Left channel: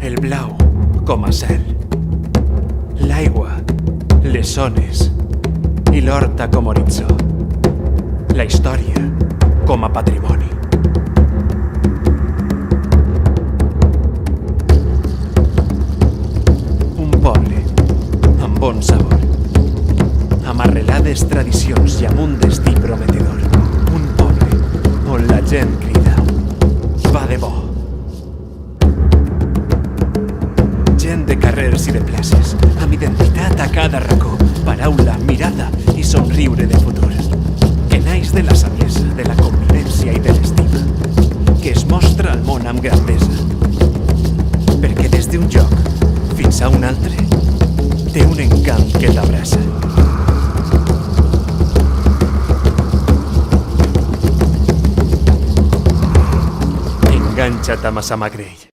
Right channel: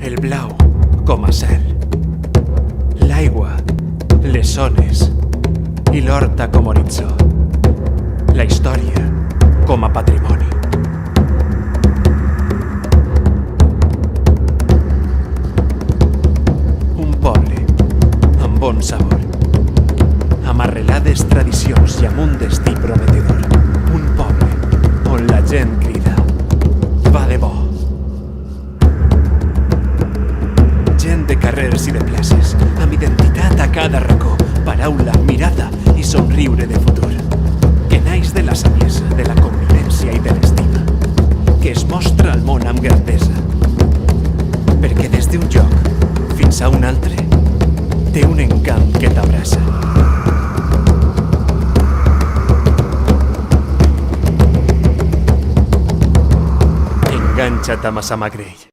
El blau com a cel, l'aigua, les ones i l'horta com a horitzó, la història com a patrimoni. Un poble amb bon sabor, amb arrelades tradicions i amb un destí prometedor. Un poble on la gent crida va de bo. Gent de carrers i de places, amb identitat a cada racó, paraula, mirada i somriure de futur, que naix de la saviesa, de la convivència i de l'estima, que es mostra al món amb grandesa, perquè des d'un lloc fins a un altre té un encant que t'abraça. Enganxa't a Massamagrell.